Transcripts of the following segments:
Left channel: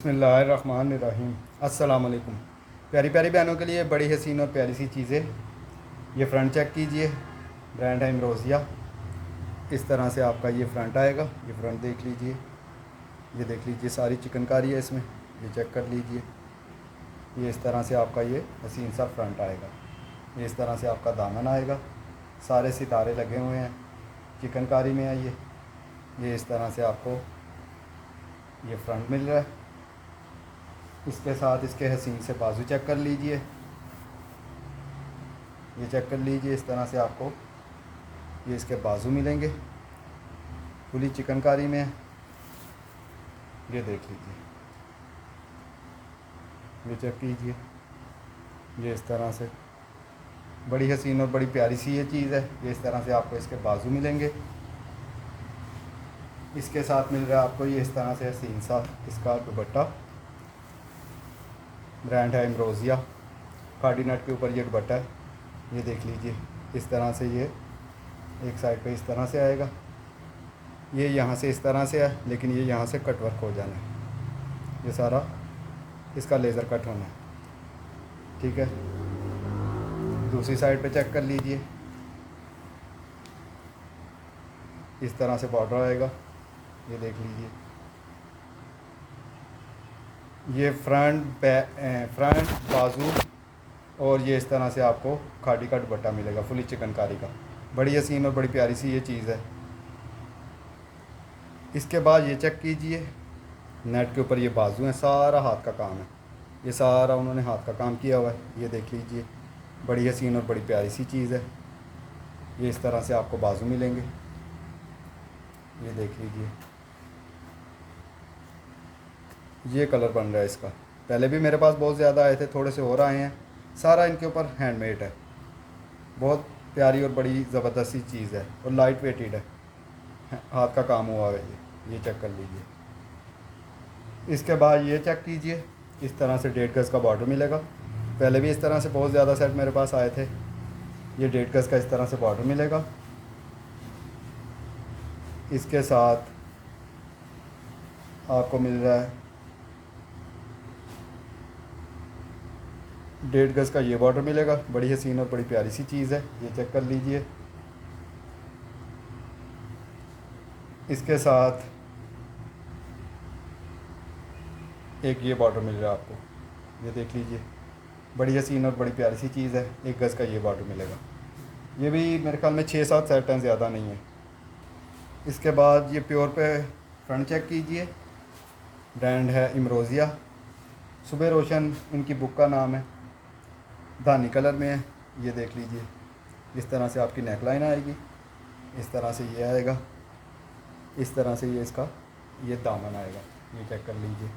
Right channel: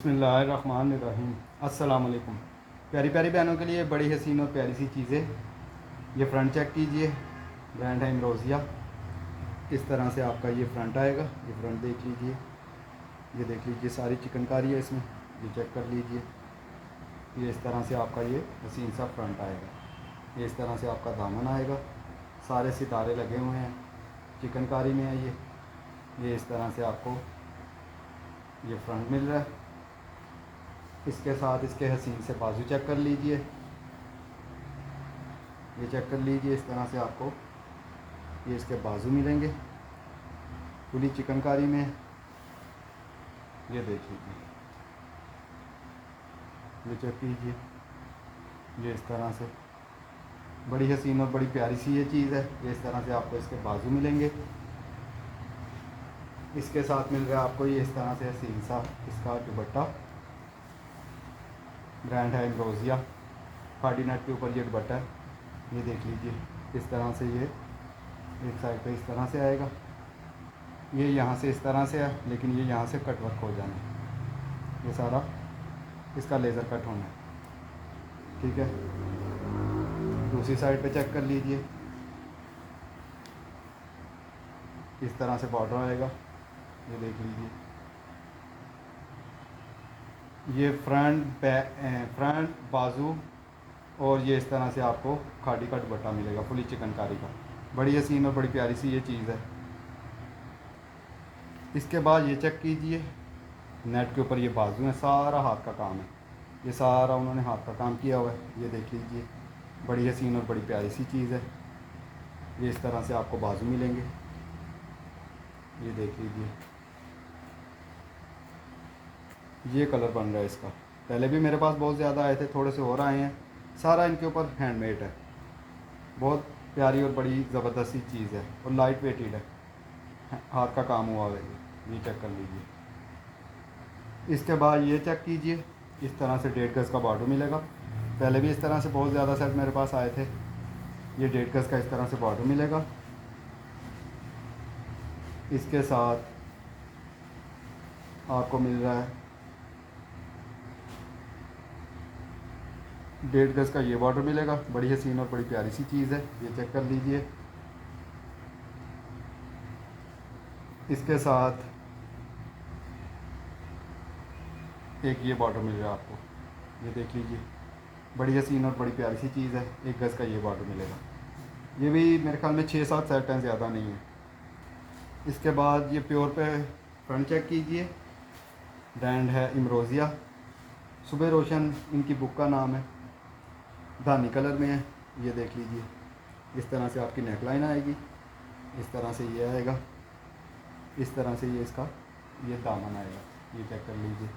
बिस्मिल्लाहिर्रहमानिर्रहीम। अस्सलाम वालेकुम। प्यारी प्यारी बहनों के लिए बड़ी हसीन और प्यारी सी चीज़ें। ये फ्रंट चेक कीजिए, ब्रांड है इमरोज़िया। इस तरह से आपका ये फ्रंट आएगा। ये फ्रंट देख लीजिए, ये देख लीजिए, सारी चिकनकारी है इसमें, ये चेक कर लीजिए। ये इस तरह से आपका ये हसीन सा फ्रंट आएगा। ये इस तरह से आपका दामन आएगा, सारे सितारे लगे हुए हैं, चिकनकारी में है ये इस तरह से आपको ये फ्रंट मिल रहा है। इसके साथ इसके हसीन से बाजू चेक कर लीजिए, ये चेक कर लीजिए। इस तरह से आपको ये इसके बाजू मिलेंगे, खुली चिकनकारी में है। ये देख लीजिए, ये चेक कीजिए। ये इस तरह से बड़ी हसीन और बड़ी प्यारी सी ये चीज़ है। ये इस तरह से आपको इसके बाजू मिलेंगे। इसके साथ मिल रहा है आपको ये इस तरह से हसीन सा इसका दुपट्टा। ब्रांड है इमरोज़िया। कार्डिनेट के ऊपर ये दुपट्टा है, ये देख लीजिए। इस तरह से ये एक साइड पे इस तरह से आएगा, ये यहाँ से इस तरह से है, लेकिन ये यहाँ से कट वर्क हो जाना है। ये सारा इसका लेज़र कट होना है, ठीक है। दूसरी साइड पे चेक कर लीजिए, इस तरह से बॉर्डर आएगा, ये देख लीजिए। ये फ्रंट बाजू और ये इस तरह से आपको खाड़ी का दुपट्टा मिलेगा, फुली चिकनकारी का। बड़ी हसीन और बड़ी प्यारी सी ये चीज़ है। इसके बाद ये चेक कीजिए, नेट के ऊपर ये बाजू है, सारा हाथ का काम है, ये सारा उन्होंने हाथ का काम किया हुआ है। ये देख लीजिए, बड़ी हसीन और बड़ी प्यारी सी चीज़ है। ये इस तरह से आपको बाजू मिलेंगे, ये देख लीजिए। ये कलर बन रहा है इसका। पहले भी मेरे पास बहुत ज़्यादा आए थे, थोड़े से और आए हैं। सारा इनके ऊपर हैंडमेड है, बहुत प्यारी और बड़ी ज़बरदस्त सी चीज़ है और लाइट वेटेड है, हाथ का काम हुआ है। ये चेक कर लीजिए। इसके बाद ये चेक कीजिए, इस तरह से 1.5 गज़ का बॉर्डर मिलेगा। पहले भी इस तरह से बहुत ज़्यादा सेट मेरे पास आए थे। ये 1.5 गज़ का इस तरह से बॉर्डर मिलेगा। इसके साथ आपको मिल रहा है 1.5 गज़ का ये बॉर्डर मिलेगा। बड़ी हसीन और बड़ी प्यारी सी चीज़ है, ये चेक कर लीजिए। इसके साथ एक ये बॉर्डर मिल रहा है आपको, ये देख लीजिए। बड़ी हसीन और बड़ी प्यारी सी चीज़ है। 1 गज़ का ये बॉर्डर मिलेगा। ये भी मेरे ख्याल में 6-7 सेट हैं, ज़्यादा नहीं है। इसके बाद ये प्योर पे फ्रंट चेक कीजिए। ब्रांड है इमरोज़िया। सुबह रोशन इनकी बुक का नाम है, धानी कलर में है, ये देख लीजिए। इस तरह से आपकी नेकलाइन आएगी, इस तरह से ये आएगा, इस तरह से ये इसका ये दामन आएगा, ये चेक कर लीजिए।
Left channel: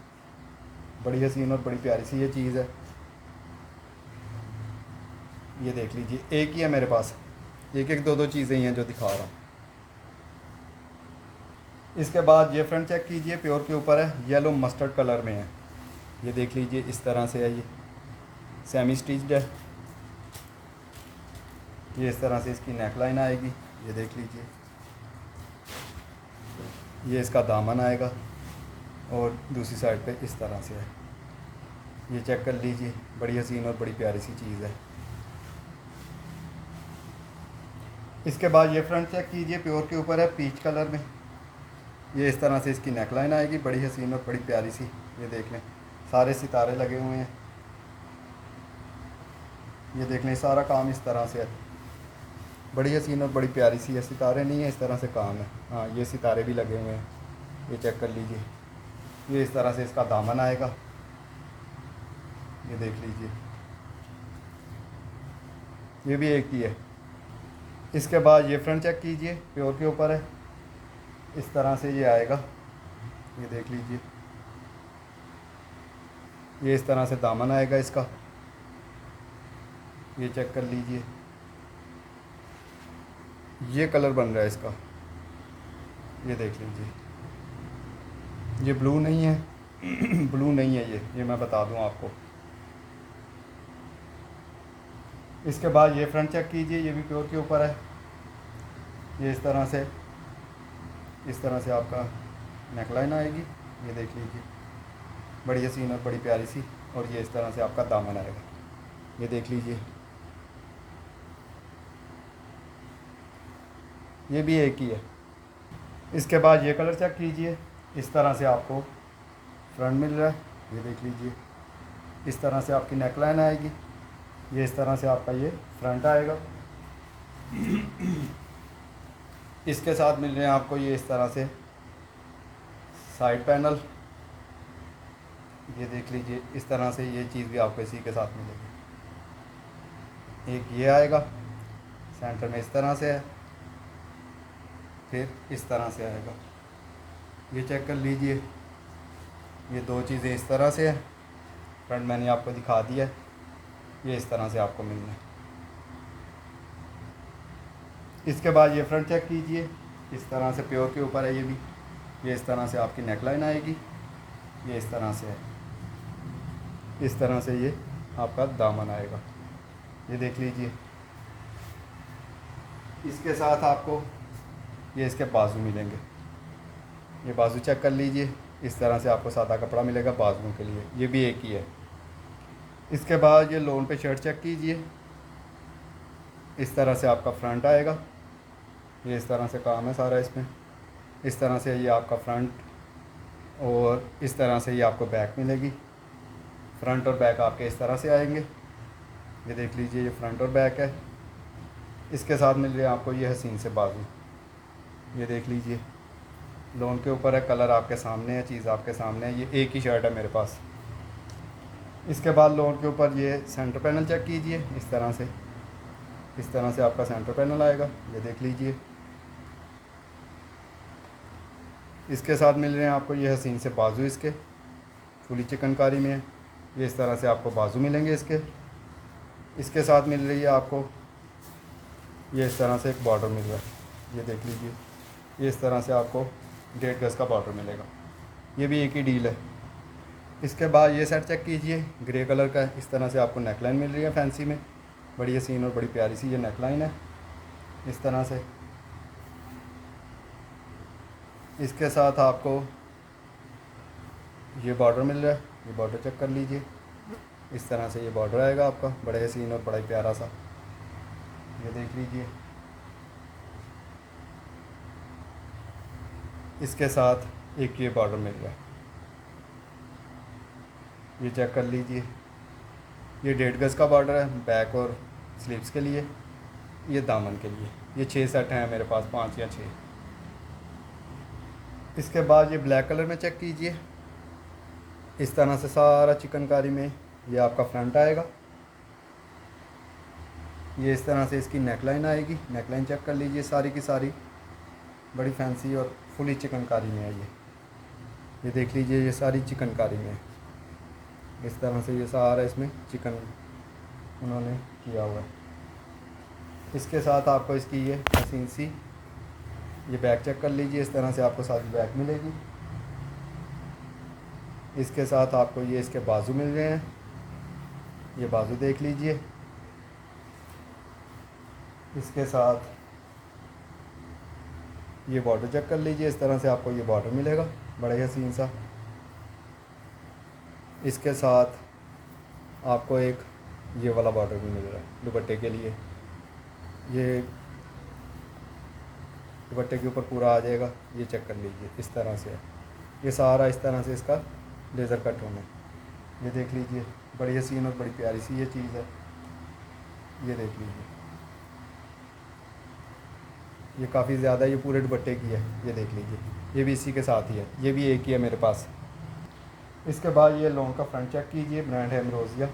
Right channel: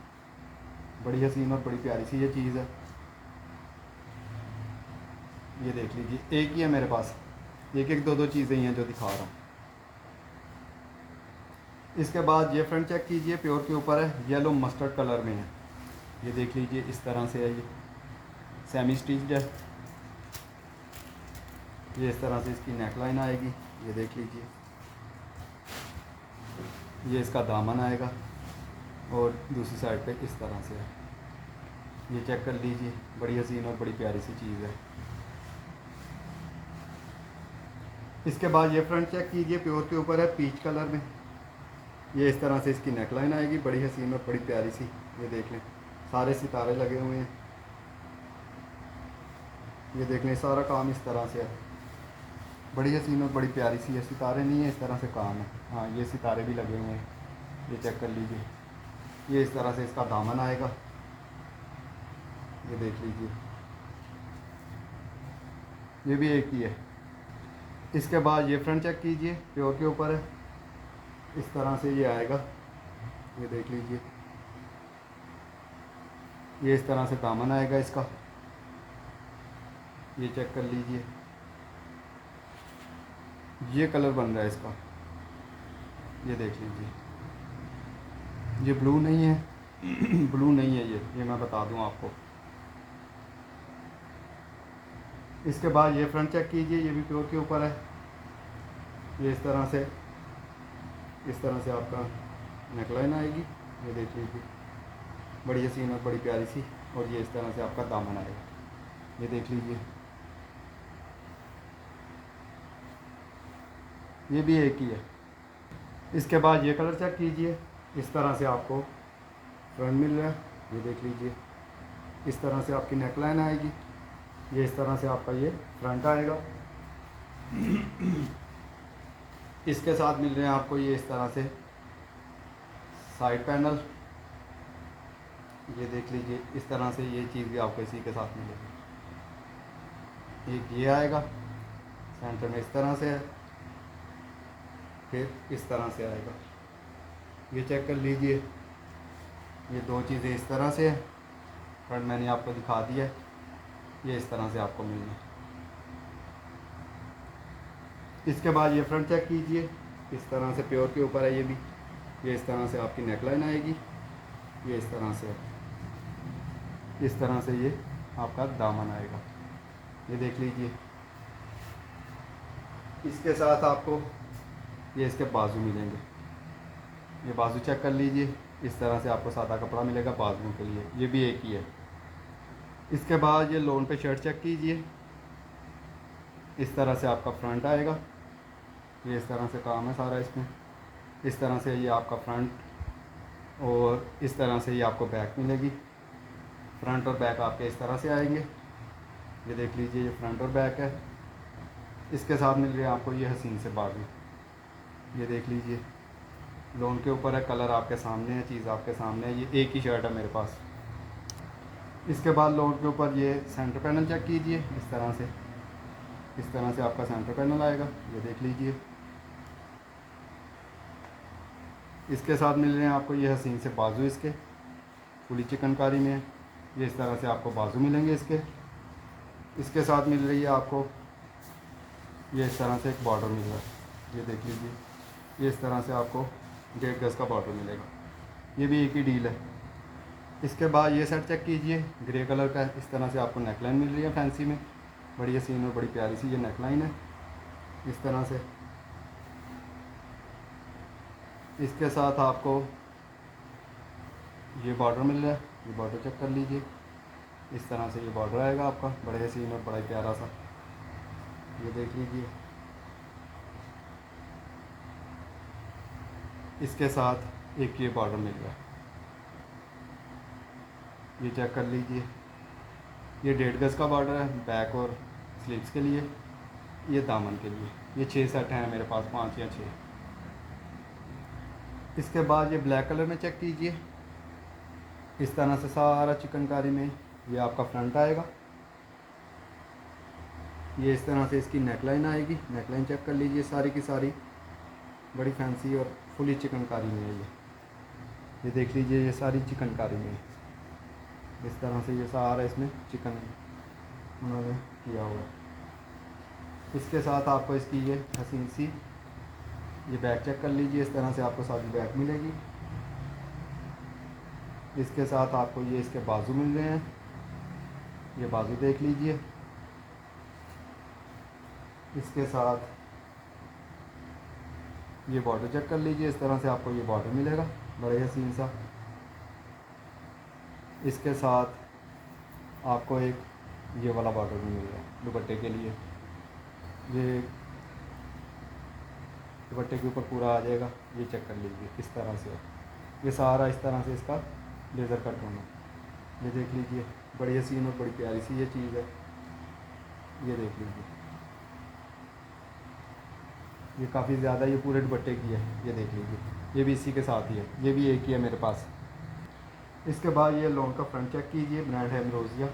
बड़ी हसीन और बड़ी प्यारी सी ये चीज़ है, ये देख लीजिए। एक ही है मेरे पास, एक एक दो दो चीज़ें ही हैं जो दिखा रहा हूँ। इसके बाद ये फ्रंट चेक कीजिए, प्योर के ऊपर है, येलो मस्टर्ड कलर में है, ये देख लीजिए। इस तरह से है, ये सेमी स्टिच्ड है। ये इस तरह से इसकी नेकलाइन आएगी, ये देख लीजिए। ये इसका दामन आएगा और दूसरी साइड पे इस तरह से है, ये चेक कर लीजिए। बड़ी हसीन और बड़ी प्यारी सी चीज़ है। इसके बाद ये फ्रंट चेक कीजिए, प्योर के ऊपर है, पीच कलर में। ये इस तरह से इसकी नेकलाइन आएगी, बड़ी हसीन और बड़ी प्यारी सी, ये देख लें। सारे सितारे लगे हुए हैं, ये देख लें। सारा काम इस तरह से है, बड़ी हसीन और बड़ी प्यारी सी है। सितारे नहीं है, इस तरह से काम है। हाँ, ये सितारे भी लगे हुए हैं, ये चेक कर लीजिए। ये इस तरह से इसका दामन आएगा, ये देख लीजिए। ये भी एक ही है। इसके बाद ये फ्रंट चेक कीजिए, प्योर के ऊपर है, इस तरह से ये आएगा, ये देख लीजिए। ये इस तरह से दामन आएगा इसका, ये चेक कर लीजिए। ये कलर बन रहा है इसका, ये देख लीजिए। ये ब्लू नहीं है ब्लू नहीं है ये मैं बता दूं आपको। इसके बाद ये फ्रंट चेक कीजिए, ये भी प्योर के ऊपर है। ये इस तरह से आपका नेकलाइन आएगी, ये देख लीजिए। बड़ी हसीन और बड़ी प्यारी सी। और ये इस तरह से आपका दामन आएगा, ये देख लीजिए। ये भी एक ही है। इसके बाद ये कलर चेक कीजिए, इस तरह से आपको फ्रंट मिल रहा है, ये देख लीजिए। इस तरह से आपकी नेक लाइन आएगी, ये इस तरह से आपका ये फ्रंट आएगा। इसके साथ मिल रहे हैं आपको ये इस तरह से साइड पैनल, ये देख लीजिए। इस तरह से ये चीज़ भी आपको इसी के साथ मिलेगी। एक ये आएगा सेंटर में इस तरह से है, फिर इस तरह से आएगा, ये चेक कर लीजिए। ये दो चीज़ें इस तरह से है, फ्रंट मैंने आपको दिखा दिया है, ये इस तरह से आपको मिलना है। इसके बाद ये फ्रंट चेक कीजिए, इस तरह से प्योर के ऊपर है ये भी। ये इस तरह से आपकी नेकलाइन आएगी, ये इस तरह से है। इस तरह से ये आपका दामन आएगा, ये देख लीजिए। इसके साथ आपको ये इसके बाजू मिलेंगे, ये बाजू चेक कर लीजिए। इस तरह से आपको सादा कपड़ा मिलेगा बाजुओं के लिए, ये भी एक ही है। इसके बाद ये लोन पे शर्ट चेक कीजिए, इस तरह से आपका फ्रंट आएगा, ये इस तरह से काम है सारा इसमें। इस तरह से ये आपका फ्रंट, और इस तरह से ये आपको बैक मिलेगी। फ्रंट और बैक आपके इस तरह से आएंगे, ये देख लीजिए। ये फ्रंट और बैक है। इसके साथ मिल रहे हैं आपको ये हसीन से बाजू, ये देख लीजिए। लोन के ऊपर है, कलर आपके सामने है, चीज़ आपके सामने है। ये एक ही शर्ट है मेरे पास। इसके बाद लोन के ऊपर ये सेंटर पैनल चेक कीजिए, इस तरह से। इस तरह से आपका सेंटर पैनल आएगा, ये देख लीजिए। इसके साथ मिल रहे हैं आपको ये हसीन से बाजू, इसके फुली चिकनकारी में है, ये इस तरह से आपको बाजू मिलेंगे इसके। इसके साथ मिल रही है आपको ये इस तरह से एक बॉर्डर मिल रहा है, ये देख लीजिए। ये इस तरह से आपको 1.5 गज का बॉर्डर मिलेगा, ये भी एक ही डील है। इसके बाद ये सेट चेक कीजिए, ग्रे कलर का। इस तरह से आपको नेकलाइन मिल रही है फैंसी में, बड़ी हसीन और बड़ी प्यारी सी ये नेकलाइन है, इस तरह से। इसके साथ आपको ये बॉर्डर मिल रहा है, ये बॉर्डर चेक कर लीजिए। इस तरह से ये बॉर्डर आएगा आपका, बड़े हसीन और बड़ा ही प्यारा सा, ये देख लीजिए। इसके साथ एक ये बॉर्डर मिल रहा है, ये चेक कर लीजिए। ये 1.5 गज का बॉर्डर है, बैक और स्लीव्स के लिए, ये दामन के लिए। ये 6 सेट हैं मेरे पास, 5 या 6। इसके बाद ये ब्लैक कलर में चेक कीजिए, इस तरह से सारा चिकनकारी में ये आपका फ्रंट आएगा। ये इस तरह से इसकी नेकलाइन आएगी, नेकलाइन चेक कर लीजिए। सारी की सारी बड़ी फैंसी और फुली चिकनकारी में है ये देख लीजिए। ये सारी चिकनकारी में है, इस तरह से ये सारा इसमें चिकन उन्होंने किया हुआ है। इसके साथ आपको इसकी ये हसीन सी ये बैक चेक कर लीजिए, इस तरह से आपको सारी बैक मिलेगी। इसके साथ आपको ये इसके बाजू मिल रहे हैं, ये बाजू देख लीजिए। इसके साथ ये बॉर्डर चेक कर लीजिए, इस तरह से आपको ये बॉर्डर मिलेगा, बड़े हसीन सा। इसके साथ आपको एक ये वाला बॉर्डर भी मिल रहा है दुपट्टे के लिए, ये दुपट्टे के ऊपर पूरा आ जाएगा, ये चेक कर लीजिए। इस तरह से ये सारा इस तरह से इसका लेज़र कट होना, ये देख लीजिए। बड़ी हसीन और बड़ी प्यारी सी ये चीज़ है, ये देख लीजिए। ये काफ़ी ज़्यादा ये पूरे दुपट्टे की है, ये देख लीजिए। ये भी इसी के साथ ही है, ये भी एक ही है मेरे पास। इसके बाद ये लॉन्ग का फ्रंट चेक कीजिए, ब्रांड है एम्ब्रोसिया,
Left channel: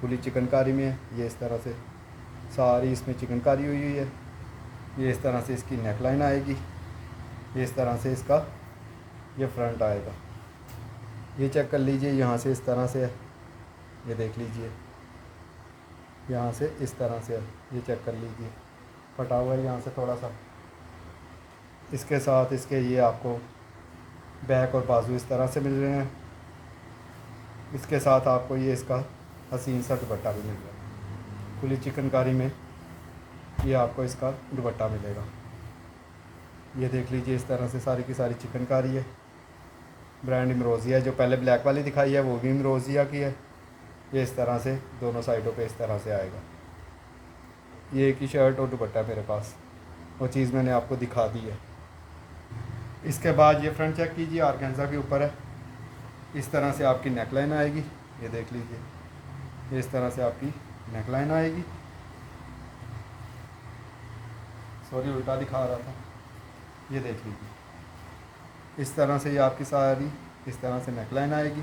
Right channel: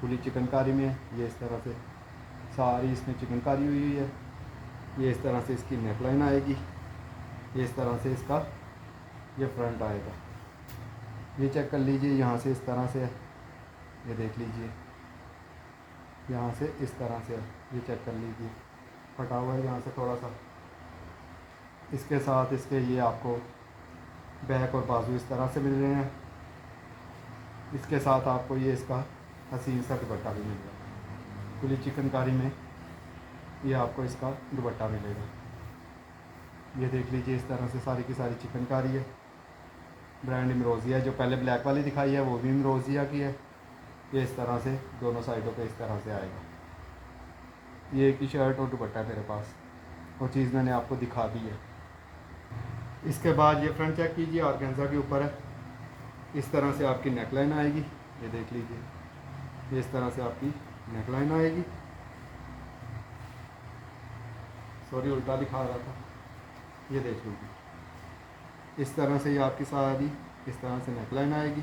पूरी चिकनकारी में है। ये इस तरह से सारी इसमें चिकनकारी हुई है। ये इस तरह से इसकी नेकलाइन आएगी, ये इस तरह से इसका ये फ्रंट आएगा, ये चेक कर लीजिए। यहाँ से इस तरह से है, ये देख लीजिए। यहाँ से इस तरह से है, ये चेक कर लीजिए, फटा हुआ है यहाँ से थोड़ा सा। इसके साथ इसके ये आपको बैक और बाजू इस तरह से मिल रहे हैं। इसके साथ आपको ये इसका हसीन सा दुपट्टा भी मिलेगा, पूरी चिकनकारी में ये आपको इसका दुपट्टा मिलेगा, ये देख लीजिए। इस तरह से सारी की सारी चिकनकारी है, ब्रांड इमरोज़िया, जो पहले ब्लैक वाली दिखाई है वो भी इमरोज़िया की है। ये इस तरह से दोनों साइडों पे इस तरह से आएगा। ये एक ही शर्ट और दुपट्टा है मेरे पास, वो चीज़ मैंने आपको दिखा दी है। इसके बाद ये फ्रंट चेक कीजिए, ऑर्गेन्जा के ऊपर है। इस तरह से आपकी नेकलाइन आएगी, ये देख लीजिए। ये इस तरह से आपकी नेकलाइन आएगी। सॉरी, उल्टा दिखा रहा था। ये देख लीजिए, इस तरह से ये आपकी सारी इस तरह से नेकलाइन आएगी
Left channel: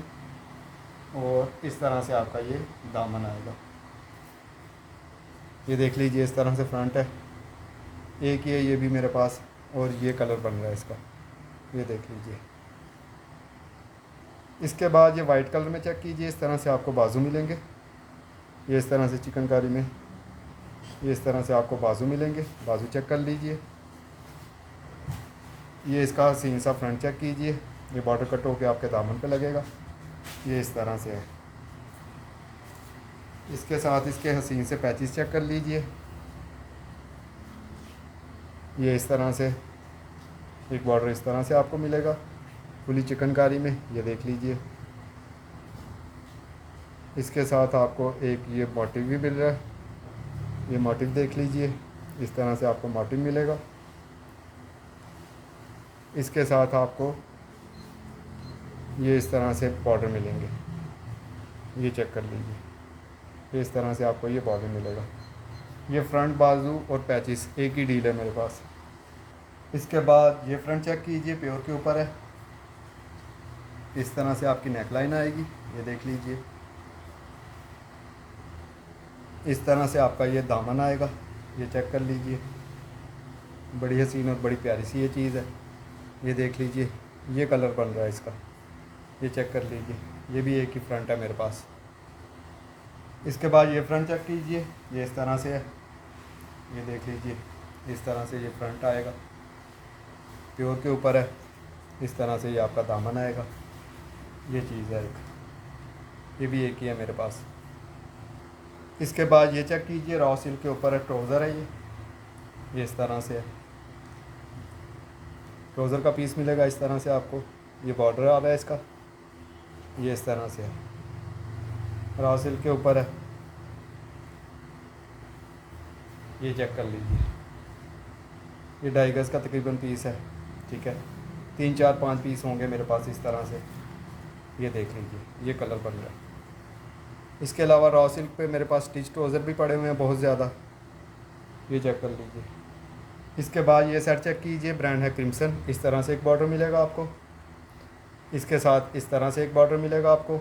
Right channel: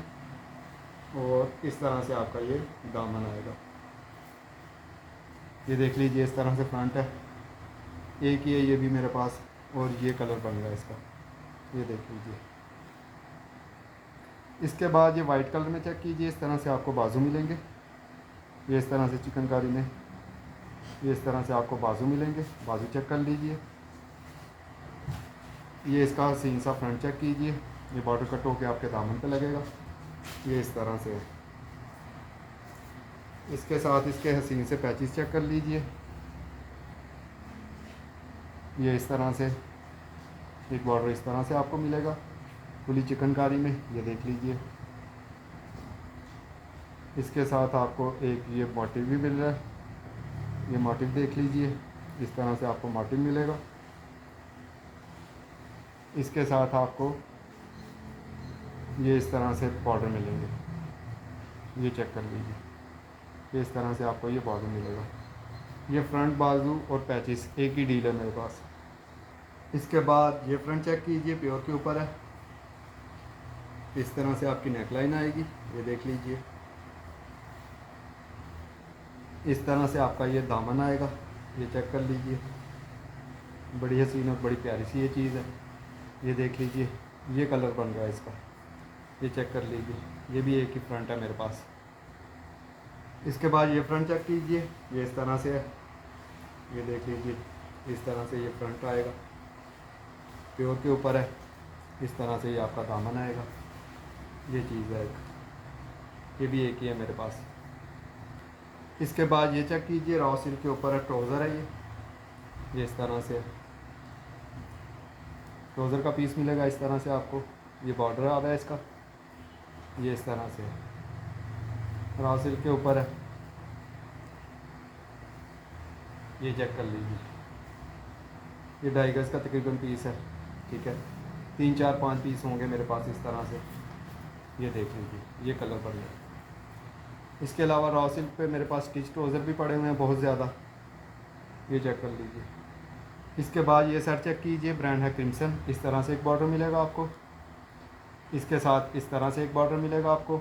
और इस तरह से आपका ये दामन आएगा। ये देख लीजिए, इस तरह से फ्रंट है। एक ये भी मेरे पास, और ये कलर बन रहा है इसका, ये देख लीजिए। इसके बाद ये वाइट कलर में चेक कीजिए, इस तरह से आपको बाजू मिलेंगे। ये इस तरह से चिकनकारी में ये इस तरह से आपको बाजू मिलेंगे, बाजू चेक कर लीजिए। ये इसका सीन सा फ्रंट चेक कीजिए, ये बॉर्डर कट होकर आपके दामन पे लगेगा, ये इस तरह से है। इसके साथ इसके हसीन से पैचेस चेक कर लीजिए। ये इस तरह से एक बॉर्डर इस तरह से आपको मिलेगा फुली चिकनकारी में, ये देख लीजिए। इसके साथ आपको एक ये मोटिव भी मिल रहा है, ये मोटिव देख लीजिए। इस तरह से आपको मोटिव मिलेगा। इसके साथ आपको ये इस तरह से बॉर्डर मिलेंगे, ये चेक कर लीजिए। ये इस तरह से आपको ये बॉर्डर मिलेगा। ये फ्रंट बाजू और पैचेस एक ही डील है मेरे पास। इसके बाद ये फ्रंट चेक कीजिए, प्योर के ऊपर है। इस तरह से आपकी नेकलाइन आएगी, ये देख लीजिए। इस तरह से आपका ये दामन आएगा, ये चेक कर लीजिए। बड़ी हसीन और बड़ी प्यारी सी ये चीज़ है, ये देख लीजिए। ये कलर बन रहा है इसका, ये चेक कर लीजिए। ये भी एक ही फ्रंट है मेरे पास। इसके बाद ये फ्रंट चेक कीजिए, ये इस तरह से है, ये देख लीजिए। इस तरह से ये फ्रंट आएगा, प्योर के ऊपर है। इस तरह से ये आपका दामन आएगा, ये चीज़ है एक, ये भी एक ही है मेरे पास। इसके बाद ये चेक कीजिए, रॉ सिल्क के ऊपर है, ट्राउज़र है ये इस तरह से है। ट्राउज़र का पीस मिलेगा इस तरह से आपको। ये बॉर्डर आ रहा है इसका, ये इस तरह से है, रॉ सिल्क के ऊपर है, ये चेक कर लीजिए। ये 2.5 गज का तकरीबन पीस है, ठीक है। 3 4 5 पीस होंगे मेरे पास इस तरह से, ये देख लीजिए। ये कलर बन रहा है। इसके अलावा रॉ सिल्क पे मेरे पास स्टिच ट्राउज़र भी पड़े हुए हैं बहुत ज़्यादा, ये चेक कर लीजिए। इसके बाद ये सेट चेक कीजिए, ब्रांड है क्रिम्सन। इस तरह से एक बॉर्डर मिलेगा आपको, इसके साथ इस तरह से एक बॉर्डर मिलेगा आपको,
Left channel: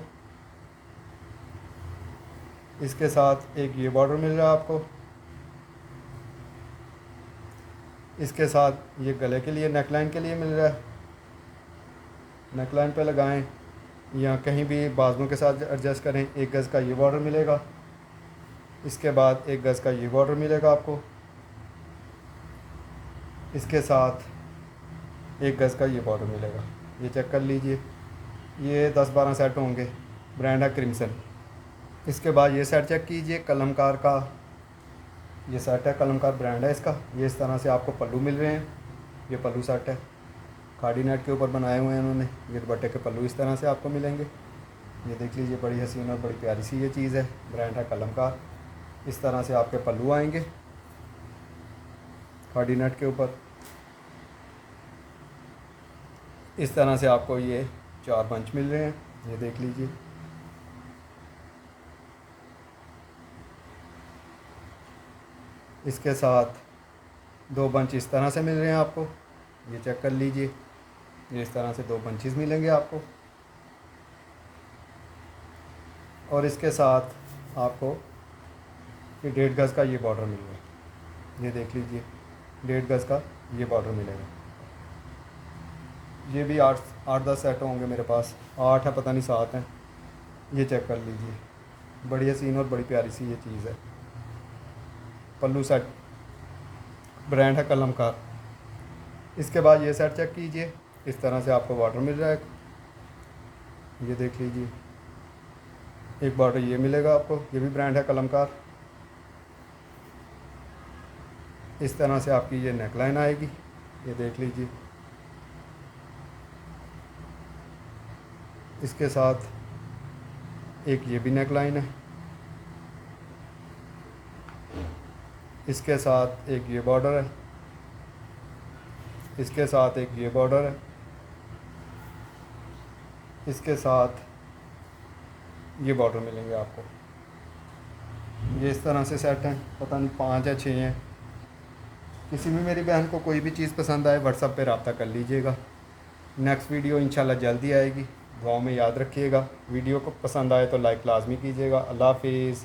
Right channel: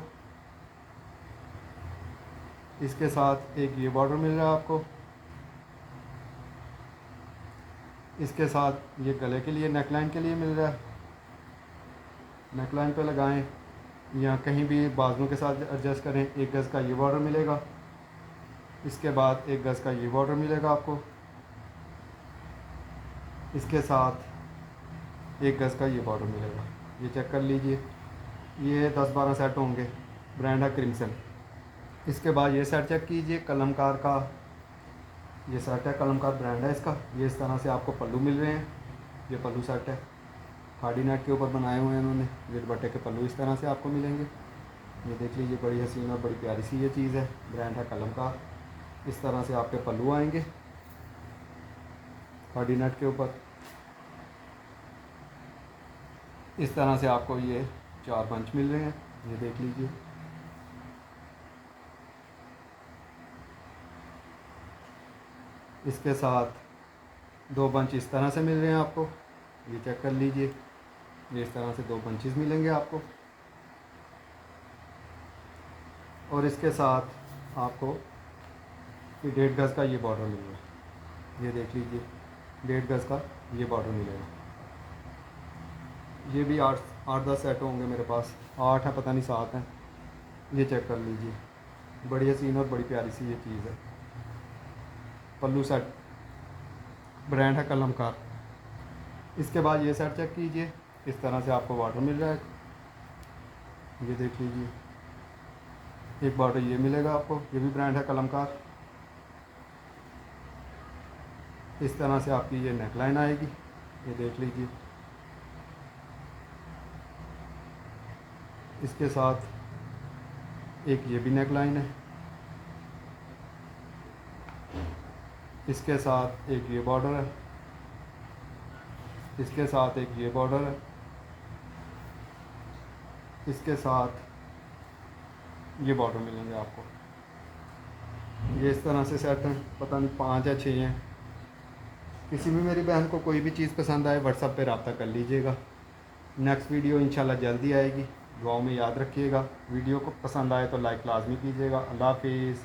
इसके साथ एक ये बॉर्डर मिल रहा है आपको, इसके साथ ये गले के लिए नेकलाइन के लिए मिल रहा है। नेकलाइन पे लगाएं या कहीं भी बाजुओं के साथ एडजस्ट करें। 1 गज़ का ये बॉर्डर मिलेगा, इसके बाद 1 गज़ का ये बॉर्डर मिलेगा आपको, इसके साथ 1 गज़ का ये बॉर्डर मिलेगा, ये चेक कर लीजिए। ये 10-12 सेट होंगे, ब्रांड है क्रिम्सन। इसके बाद ये सेट चेक कीजिए, कलमकार का ये सेट है, कलमकार ब्रांड है इसका। ये इस तरह से आपको पल्लू मिल रहे हैं, ये पल्लू सेट है, खाड़ी नेट के ऊपर बनाए हुए हैं उन्होंने। ये दुपट्टे के पल्लू इस तरह से आपको मिलेंगे, ये देख लीजिए। बड़ी हसीन और बड़ी प्यारी सी ये चीज़ है, ब्रांड है कलमकार। इस तरह से आपके पल्लू आएंगे खाड़ी नेट के ऊपर। इस तरह से आपको ये 4 बंच मिल रहे हैं, ये देख लीजिए। इसके साथ 2 बंच इस तरह से मिल रहे हैं आपको, ये चेक कर लीजिए। ये इस तरह से 2 बंचेस मिलेंगे आपको, और इसके साथ आपको ये 1.5 गज़ का ये बॉर्डर मिलेगा, ये देख लीजिए। 1.5 गज़ का ये बॉर्डर मिलेगा। ये भी 8-10 सेट होंगे मेरे पास, 8 है पता नहीं 7 हैं, ये चेक कर लीजिए। बड़ी हसीन और बड़ी प्यारी सी ये चीज़ है। पल्लू सेट, ब्रांड है कलमकार। इसके बाद ये सेट चेक कीजिए, इस तरह से आपको बॉर्डर मिल रहा है, ये देख लीजिए। एक बॉर्डर ये मिलेगा आपको, ये भी ब्रांड है कलमकार। इस तरह से आपकी ये नेकलाइन आएगी, ये देख लीजिए। इसके साथ एक ये भी नेक लाइन है, इसके साथ एक ये बॉर्डर है, इसके साथ एक ये बॉर्डर है, इसके साथ ये बॉर्डर मिलेंगे आपको। ये इस तरह से सेट हैं, पता नहीं 5 या 6 हैं। किसी भी मेरी बहन को कोई भी चीज़ पसंद आए व्हाट्सएप पे रब्ता कर लीजिएगा। नेक्स्ट वीडियो इंशाल्लाह जल्दी आएगी, दुआओं में याद रखिएगा। वीडियो को पसंद आए तो लाइक लाजमी कीजिएगा। अल्लाह हाफिज़।